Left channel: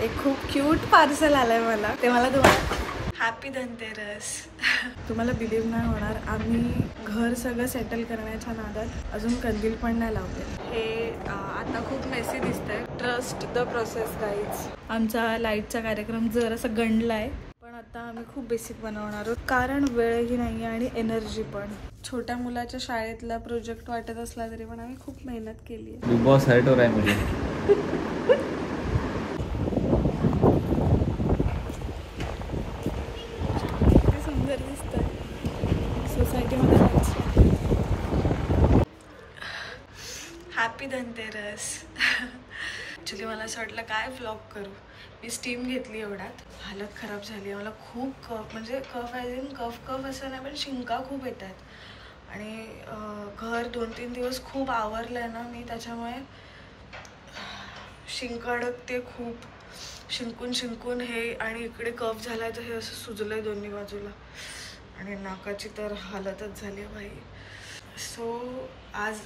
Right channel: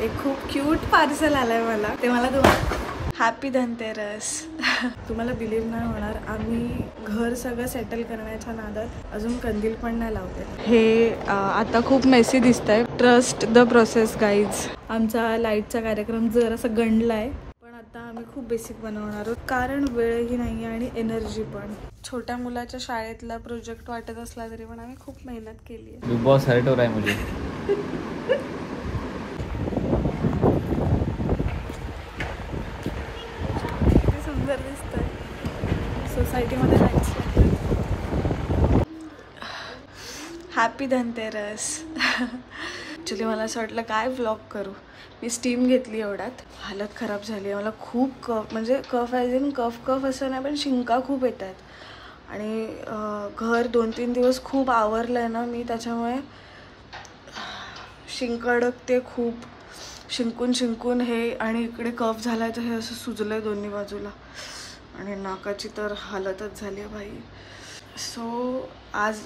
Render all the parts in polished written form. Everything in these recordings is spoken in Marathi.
एक खूप क्यूट पार्सल आलंय मला, ते मला तुम्हाला हॅपी धनतेरस. तुम्हाला बिलीव्ह नाही होणार, आम्ही घर सगळं सेटल करण्याच्या नादात अजून कंदील पण नाही लावलेलं. हे आता खूप मेसी दिसतंय. Trust the process guys. आमचा लाईटचा कार्यक्रम जरासा गंडलाय, पण आता आम्ही खूप बेसिक बनवणार आहोत कारण वेळही नाही आणि एनर्जी पण. छोट्या मुलाच्या शाळेतला प्रोजेक्ट वाटत असला तरी पण आम्ही खूप मेहनत केली आहे. बिग बॉस हर्ट हो रहा है मुझे. सुंदर दिसतंय. सोसायटीमध्ये लाईट्स. हॅपी धनतेरस. ॲक्च्युली मला असं वाटलं काय व्लॉग करू. मी स्टीम घेतली एवढ्यात, हालत खराब झाली. मला खूप कफ, म्हणजे कफ ॲज इन कफ असं नाही पण शिंका खूप येतात आणि घर 2-3 दिवस खूप आवरलं आहे ना मी, त्याच्यामुळे शिंक अडकते खूप. शिंकून हे आणि इकडे कफ झाला आहे तर हे असं सुजलं आहे दोन्ही बाजूला आणि नाकाची तर हालतच झाली आहे भाई. सो आज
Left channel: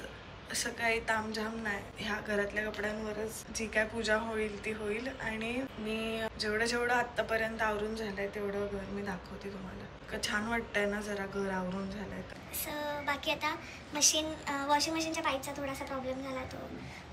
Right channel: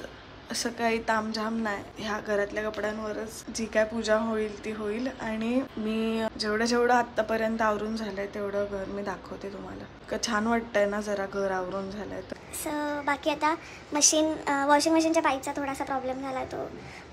असं काही तामझाम नाही, ह्या घरातल्या कपड्यांवरच जी काय पूजा होईल ती होईल. आणि मी जेवढं आत्तापर्यंत आवरून झालंय तेवढं घर मी दाखवते तुम्हाला. छान वाटतंय ना जरा घर आवरून झालंय तर. बाकी आता वॉशिंग मशीनच्या पाईपचा थोडासा प्रॉब्लेम झाला, तो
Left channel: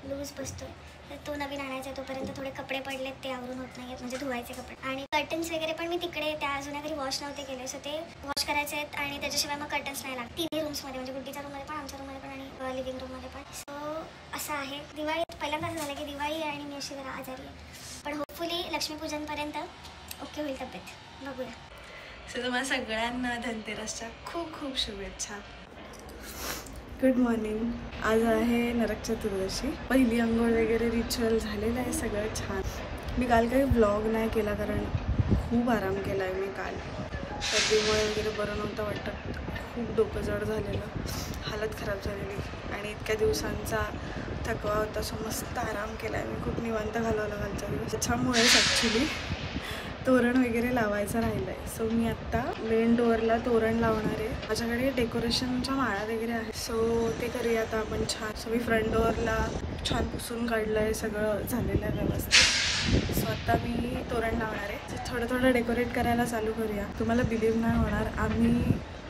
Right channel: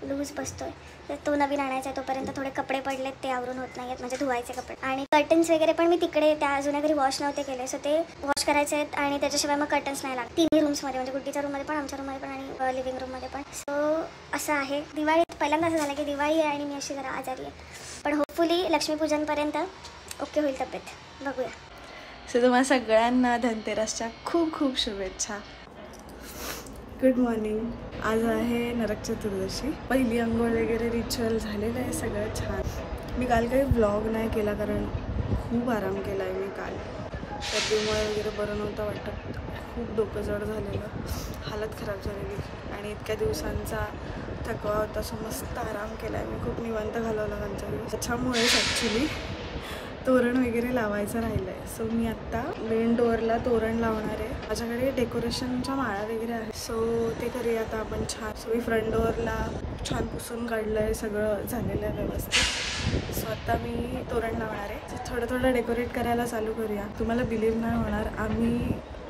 लूज बसतोय तर तो नवीन आणायचा आहे. तोपर्यंत थोडे कपडे पडलेत ते आवरून होत नाहीत, म्हणजे धुवायचे कपडे. आणि कर्टन्स वगैरे पण मी तिकडे त्या अजून घरी वॉश नव्हते केले, सो ते वॉश करायचे आहेत. आणि त्याच्याशिवाय मग कर्टन्स नाही लागत तिन्ही रूम्समध्ये, म्हणजे गुड्डीच्या रूममध्ये पण, आमच्या रूममध्ये पण आणि लिव्हिंग रूममध्ये पण. सो असं आहे. दिवाळीत पहिल्यांदा असं झालं की दिवाळी आहे आणि मी अशी जरा आजारी आहे, पण होपफुली लक्ष्मीपूजनपर्यंत ओके होईल तब्येत, बघूया. सो तुम्हाला सगळ्यांना धनतेरसच्या खूप खूप शुभेच्छा. Good morning. आज आहे नरक चतुर्दशी. पहिली अंघोळ वगैरे रिच्युअल झालेलं आहे, सगळं छान. मी काल काही व्लॉग नाही केला कारण खूप आराम केला आहे मी काल. सर्दीमुळे वगैरे बरं नव्हतं वाटत, खूप डोकं जड झालेलं, हालत खराब झालेली आणि इतक्या दिवसांचा थकवा होता. सो मस्त आराम केला आहे मी, खूप निवांत घालवला कालचा दिवस. त्याच्यामुळेच ॲक्च्युली तोरण वगैरे लावायचं राहिलं आहे. सो मी आत्ता मेन डोअरला तोरण लावणार आहे. माझ्याकडे डेकोरेशनच्या माळा वगैरे आहे, सो ते करूया आता आपण छान. सो मी फ्रंट डोअरला छान पुसून काढलं आहे, सगळं झालेलं आहे व्यवस्थित. सो आता मी तोरण लावणार आहे. थोडं डेकोरेट करायला चालू करूया. तुम्हाला बिलीव्ह नाही होणार, आम्ही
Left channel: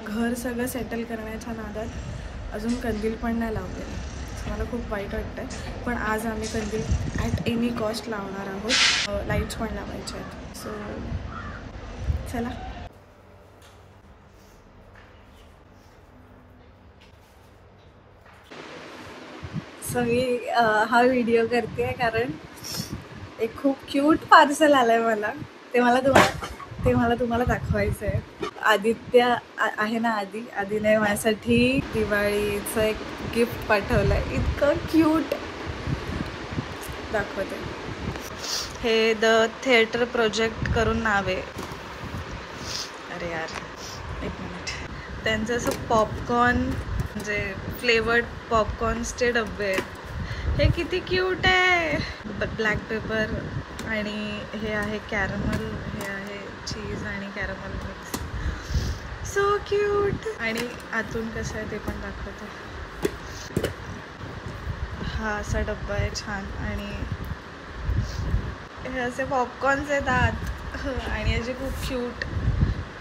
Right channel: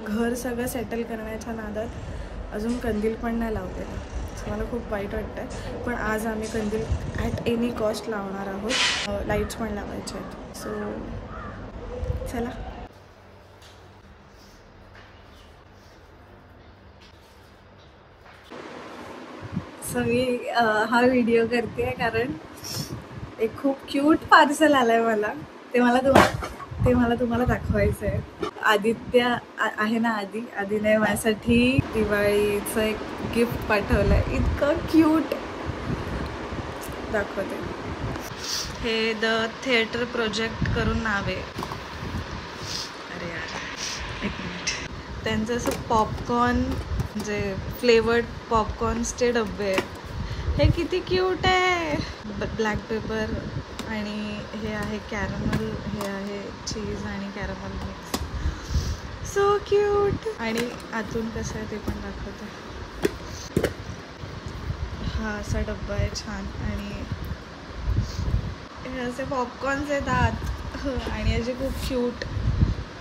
घर सगळं सेटल करण्याच्या नादात अजून कंदील पण नाही लावलेलं. सो मला खूप वाईट वाटतं आहे, पण आज आम्ही कंदील ॲट एनी कॉस्ट लावणार आहोत. लाईट्स पण लावायचे आहेत. सो चला. सो मी हा व्हिडिओ करते कारण एक खूप क्यूट पार्सल आलंय मला, ते मला तुम्हाला दाखवायचं आहे. आदित्य आहे ना, आधीने माझ्यासाठी दिवाळीचं एक गिफ्ट पाठवलंय, इतकं क्यूट. दाखवते. हे द थिएटर प्रोजेक्ट करून नाव आहे. अरे यार एक मिनिट. त्यांचं असं पॉपकॉर्न, म्हणजे फ्लेवर्ड पॉपकॉर्न्सचे डब्बे आहेत. हे किती क्यूट आहे. ब्लॅक पेपर आणि हे आहे कॅरमल, हे आहे चीज आणि कॅरमल मिक्स. So cute. आणि आतून कसं आहे ते पण दाखवते. हा असा डब्बा आहे छान आणि हे असे पॉपकॉर्न्स आहेत आत आणि असे खूप क्यूट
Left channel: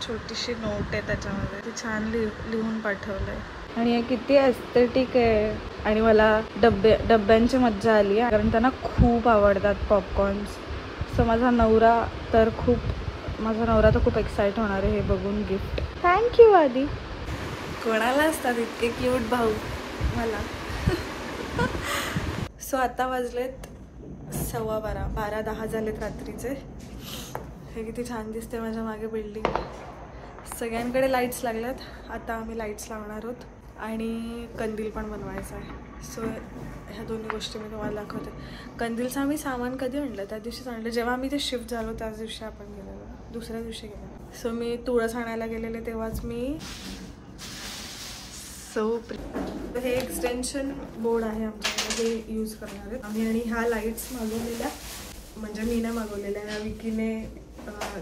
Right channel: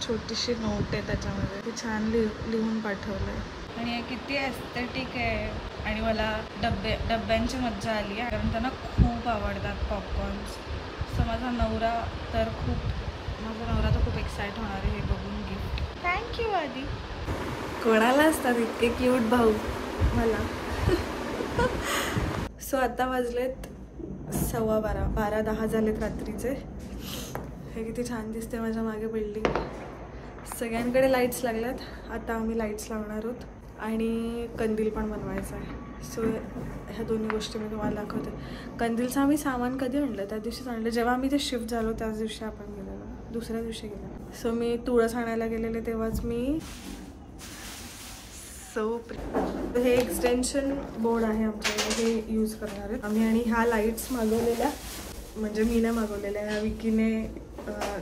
छोटीशी नोट आहे त्याच्यामध्ये. ते छान लिहून पाठवलं आहे आणि हे किती एस्थेटिक आहे. आणि मला डब्यांची मज्जा आली आहे कारण त्यांना खूप आवडतात पॉपकॉर्न्स. सो माझा नवरा तर खूप एक्साइट होणार आहे हे बघून गिफ्ट. थँक्यू आधी. कोणाला असतात इतके क्यूट भाऊ मला. सो आता वाजलेत 12:15, 12:10 झालेत रात्रीचे. हे किती छान दिसते माझ्या मागे बिल्डिंग. सगळ्यांकडे लाईट्स लागल्यात. आता आम्ही लाईट्स लावणार आहोत आणि कंदील पण बनवायचा आहे. सो ह्या दोन्ही गोष्टी मी तुम्हाला दाखवते. कंदीलचं आम्ही सामान कधी आणलं, त्या दिवशीच आणलं जेव्हा आम्ही ते शिफ्ट झालो, त्याच दिवशी आपण गेलेलो, दुसऱ्या दिवशी गेलेलो. सो मी तुळस आणायला गेलेले तेव्हाच मी हे एक्सटेन्शन बोर्ड आहे आमच्याकडे, हे यूज करणार आहेत आम्ही. आणि ह्या लाईट्स मागवलेल्या, म्हणजे मी नाही मागवलेल्या, ह्या विकीने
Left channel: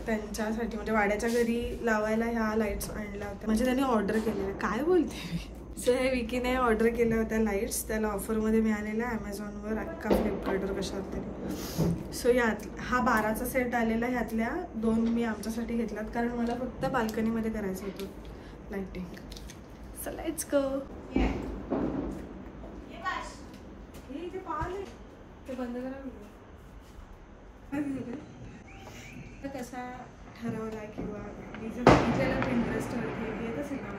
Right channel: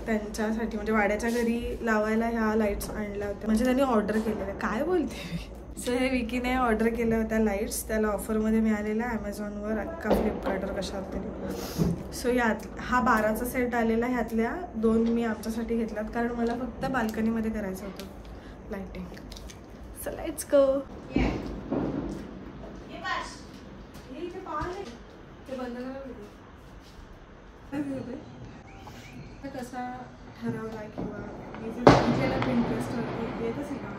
त्यांच्यासाठी म्हणजे वाड्याच्या घरी लावायला ह्या लाईट्स आणल्या होत्या, म्हणजे त्यांनी ऑर्डर केलेल्या. काय बोलते मी. सो हे विकीने ऑर्डर केल्या होत्या लाईट्स, त्याला ऑफरमध्ये मिळालेला ॲमेझॉनवर का फ्लिपकार्टवर कशावर तरी. सो यात हा 12चा सेट आलेला, ह्यातल्या 2 मी आमच्यासाठी घेतल्यात कारण मला फक्त बाल्कनीमध्ये करायचं होतं लाईटिंग. So let's go. ते बंद करा कसा ठरवला किंवा मी जर पिंटरेस्टवर येत असेल का.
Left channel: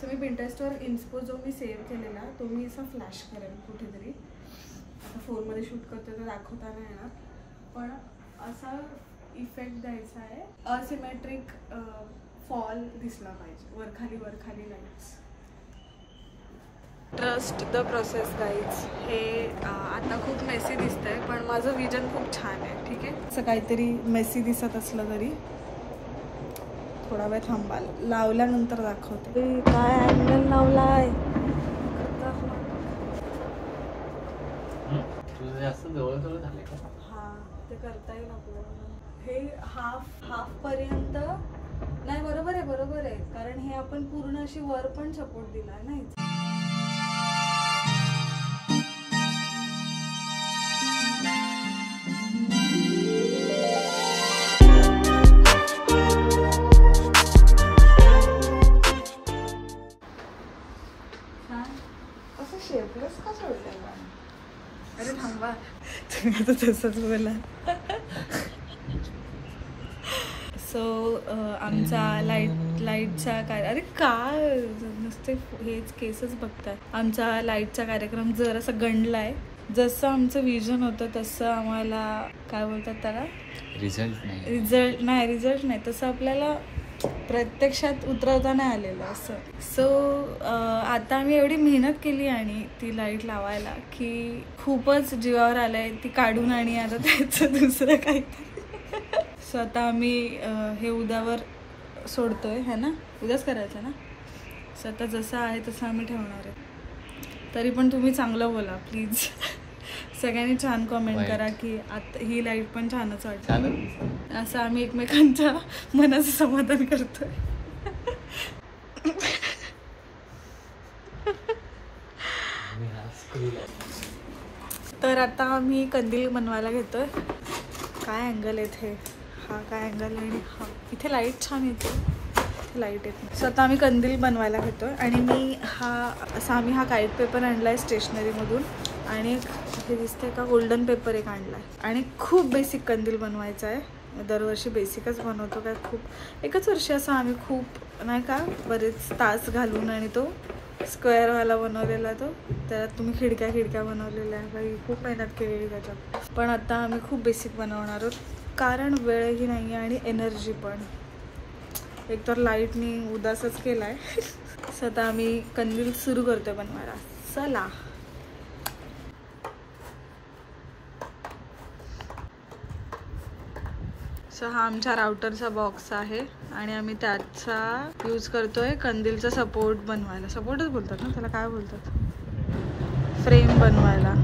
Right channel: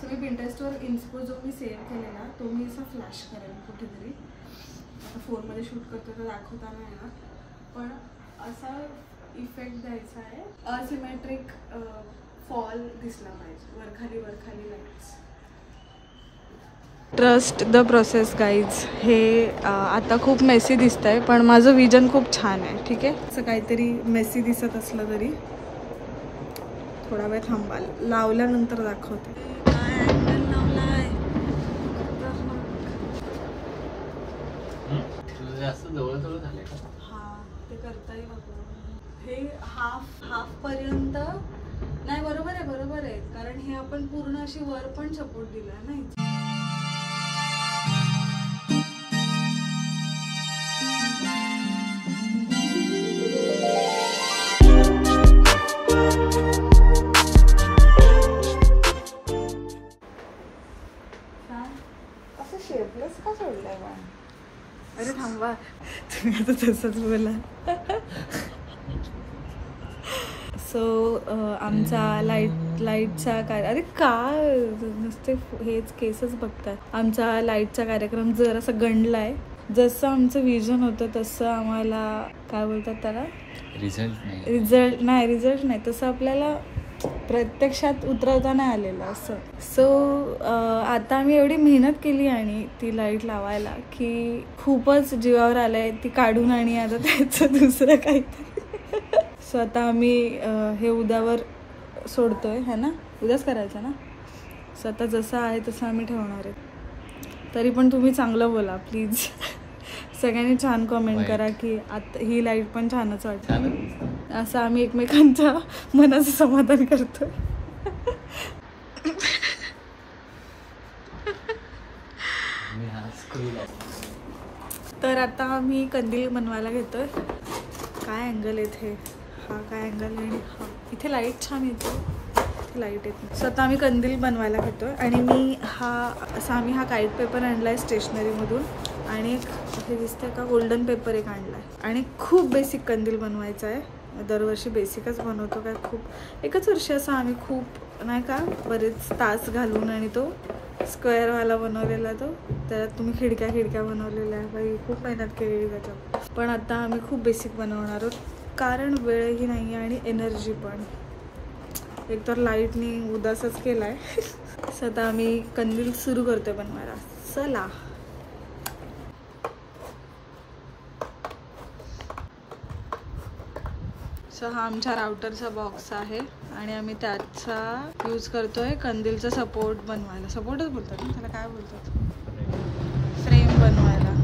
सो मी पिंटरेस्टवर इन्स्पो जो मी सेव्ह केलेला तो मी असा फ्लॅश करेन कुठेतरी. आता फोनमध्ये शूट करतो तर दाखवता नाही येणार, पण असा इफेक्ट द्यायचा आहे. असिमेट्रिक फॉल दिसला पाहिजे, वरखाली lights. Trust the process guys. हे आता खूप मेसी दिसत आहे पण माझं विजन खूप छान आहे. ठीक आहे, असं काहीतरी मेसी दिसत असलं तरी थोडा वेळ थांबाल, लावल्यानंतर दाखवते. काय अँगल लावलाय, हा ते करता येईल आपल्याला. हे हाफ पर्यंत नाही. बरोबर आहे कारण हे आपण पूर्ण अशी वर पण सपोर्ट दिला नाही. अरे थांबा, तुम्ही आता तसंच बोला. सो आमचा लाईटचा काय, अरे काय नुसते हेच केसच बघताय. आमचा लाईटचा कार्यक्रम जरासा गंडलाय. जसं आमचं विजन होतं तसं आम्हाला काय बोलतात त्याला, रिझल्ट नाही तसं आपल्याला प्रत्यक्षात उतरवता नाही आलेलं असं. सो आता आम्ही एवढी मेहनत केली आणि ती लाईट लावायला की खूपच जीवावर आलंय ती काढून आणि आता त्याचं दुसरं काहीतरी. सो आता आम्ही हे उद्यावर सोडतोय है ना, उद्याच करायचं ना. सो आता जसं आहे तसं आम्ही ठेवणार आहे. तरी पण तुम्ही चांगलं बोला प्लीज. सगळ्यांनी छान कमेंट करा की आता ही लाईट पण छानच वाटते. असं आम्ही एकमेकांच्या मनाचं समाधान करतोय. तर आता आम्ही कंदील बनवायला घेतोय. काय अँगल येते, हा काय अँगल आणि हा इथे लाईट छान येते, लाईट येत नाही. सो आता आम्ही कंदील बनवायला घेतोय आणि मी आम्ही हा काईट पेपर आणलाय स्टेशनरीमधून आणि एक हे दिसतंय का गोल्डन पेपर एक आणलाय. आणि खूप बेसिक कंदील बनवायचा आहे. दरवर्षी बेसिकच बनवतो काय, खूप एकच वर्षी असं आम्ही खूप नाही का बरेच तास घालून आणि तो स्क्वेअरवाला बनवलेला. तो त्यात तुम्ही खिडक्या बनवलेल्या आहे. बाई खूप मेहनत केलेली त्याच्यात. पण आता आम्ही खूप बेसिक बनवणार आहोत कारण वेळही नाही आहे आणि एनर्जी पण. एकतर लाईटनी उदासच केलाय. आता आम्ही कंदील सुरू करतोय बनवायला. चला. सो हा आमच्या राउटरचा बॉक्स आहे आणि आम्ही त्याचा यूज करतोय कंदीलचा सपोर्ट बनवायला. सपोर्टच बोलतात ना त्याला, काय बोलतात, फ्रेम बनवायला.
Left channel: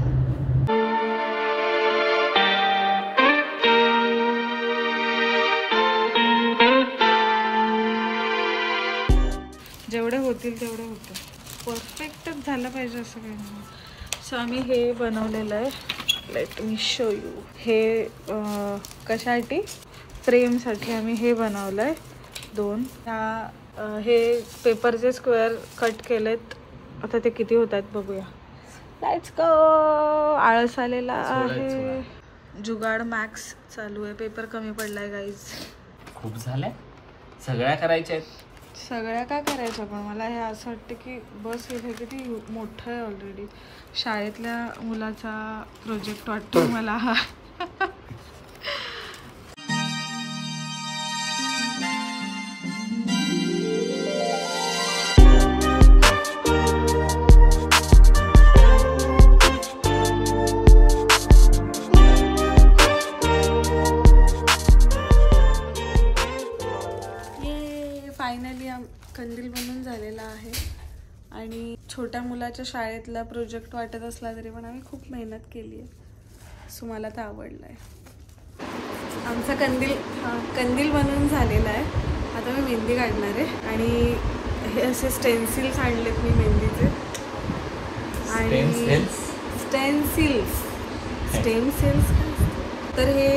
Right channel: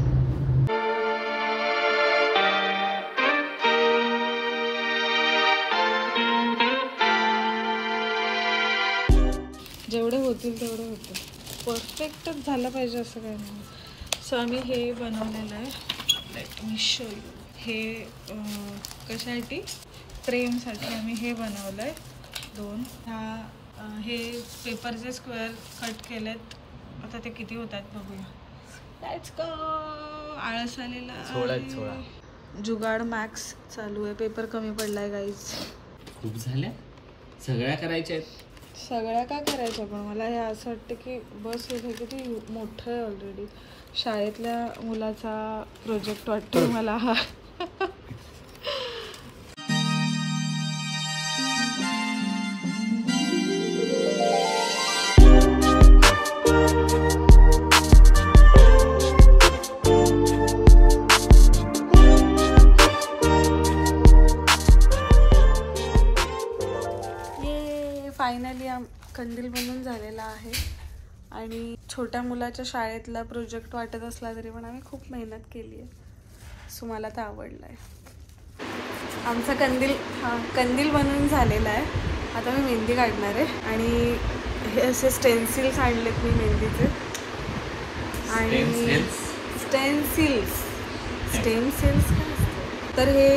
जेवढे होतील तेवढे होते. परफेक्टच झालं पाहिजे असं काही नाही. सो आम्ही हे बनवलेलं आहे. Let me show you. हे कशासाठी, फ्रेमसाठी आम्ही हे बनवलं आहे. 2 हे पेपरचे स्क्वेअर कट केलेत. आता ते किती होत आहेत बघूया. Let's go. आळस आलेला आहे. जुगाड मॅक्स चालू आहे. पेपर कमी पडलाय गाईज. खूप झालंय, सगळ्या करायच्या आहेत. सगळ्या काय करायच्या, पण मला हे असं वाटतं की बस हे किती मोठं आहे ऑलरेडी. शाळेतल्या मुलाचा प्रोजेक्ट वाटतो मला हा. फायनली कंदील बनवून झालेला आहे आणि छोट्या मुलाच्या शाळेतला प्रोजेक्ट वाटत असला तरी पण आम्ही खूप मेहनत केली आहे. सो मला तर आवडलं आहे. आमचा कंदील बनवून झालेला आहे. आता मी मेहंदी काढणार आहे आणि हे असे स्टेन्सिल्स आणलेत मी मेहंदीचे आणि स्टेन्सिल्स तर हे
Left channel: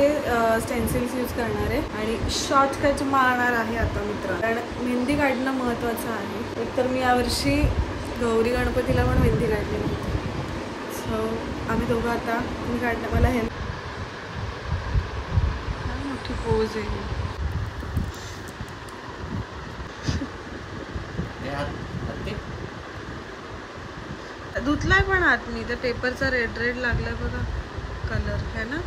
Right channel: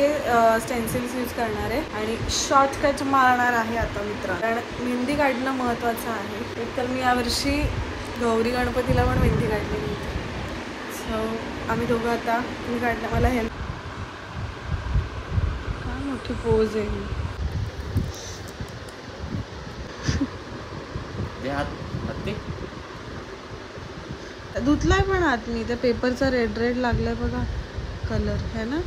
स्टेन्सिल्स यूज करणार आहे आणि शॉर्टकट मारणार आहे आता मित्र. कारण मेहंदी काढणं महत्त्वाचं आहे. तर मी यावर्षी गौरी गणपतीला पण मेहंदी काढली नव्हती. सो आम्ही दोघं आता मी काढणं मला हेल्प. हा मोठी पोज आहे. धुतलाय पण आत मी त्या पेपरचा रेड रेड लागलाय बघा कलर है ना.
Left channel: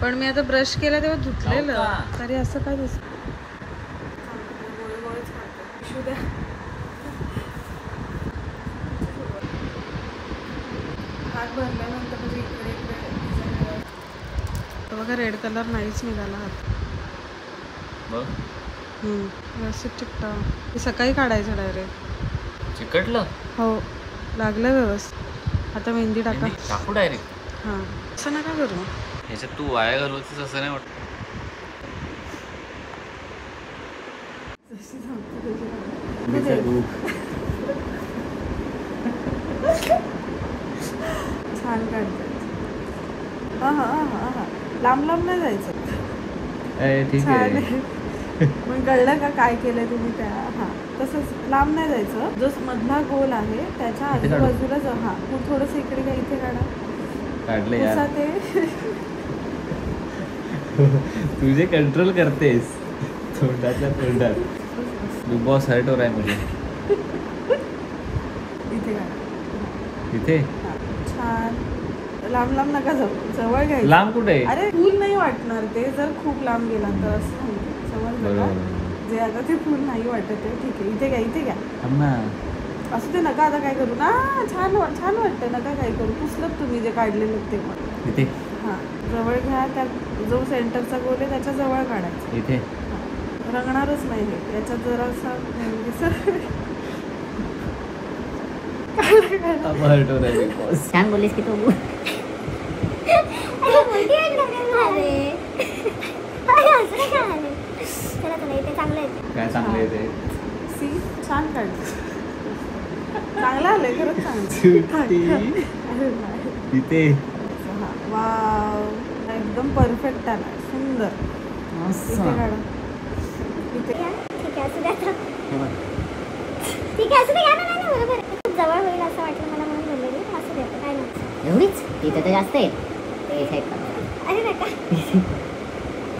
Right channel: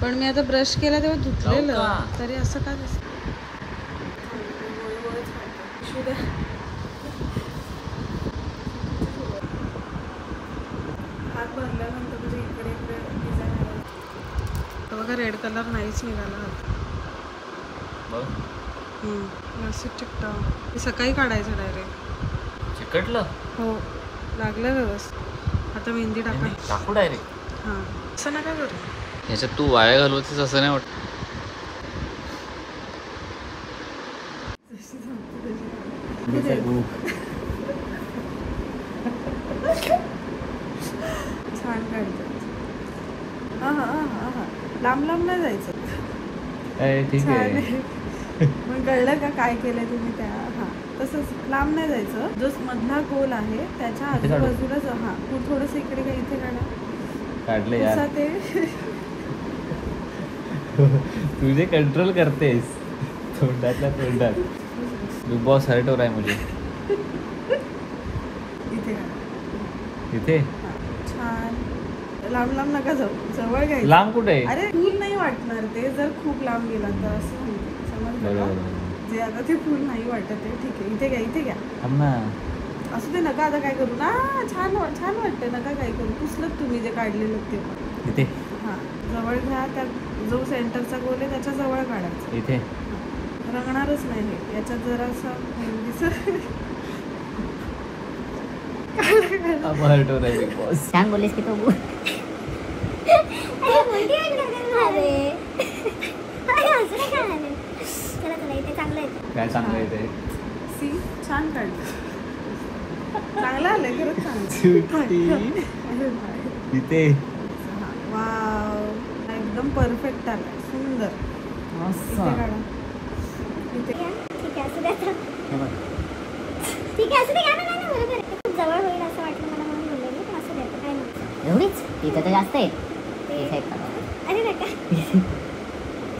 पण मी आता ब्रश केला तेव्हा धुतलेलं तरी असं काय दिसत. हात भरल्यानंतर म्हणजे इकडे इकडे डिझाईन तर बघा रेड कलर नाहीच निघाला हात. व्यवस्थित चिकटा. हे सकाळी काढायचं डायरेक्ट. चिकटलं हो लागलं व्यवस्थित. आता मेहंदी टाकू डायरेक्ट. हां असं नका करू. ह्याच्यात तू वाया घालवतेस असं नाही वाटत. छान काढतात. हा लांब लांब नाही जायचं. ठीक आहे. पण कळलं का काय केलं तुम्ही त्या. हा तसंच लांब नाही जायचं. जो मधला गोल आहे त्याच्या आजूबाजूलाच. हा तू थोडंसं इकडे का इथे काढा. काढले यार. तुझे कंट्रोल करतेस तोंडातल्या तोंडात. बिग बॉस हर्ट हो रहा है मुझे. इथे छान. लांब लांब नका जाऊ. जवळ घ्यायचं. लांब कुठे. अरे फूल नाही वाटणार ते जर खूप लांब गेला तर. असं समजलं जे आता ते फूल नाही वाटत आहे. ठीक आहे इथे घ्या इथे घ्या. असं ते नका आता काय करू ना. छान छान वाटतं. नका काय करू. पुसलं तुम्ही जे काढलेलं ते पण इथे. हां जवळ घ्या. त्या जो सेंटरचा गोल आहे त्याच्या जवळ काढायचा. इथे रंगणारच नाही. त्याच्यात जरासा छान बोललीस की तू. काय चांगलं आहे ते. छान काढलं. चांगलं आलंय खरंच चांगलं. इथे वाव एकदम परफेक्ट आलाय. सुंदर. जवळ होईल असं वाटलं मला म्हणून बोलले. असं देतं काय नाही. एवढीच इथे तर जास्त आहे. इथे अरे नका.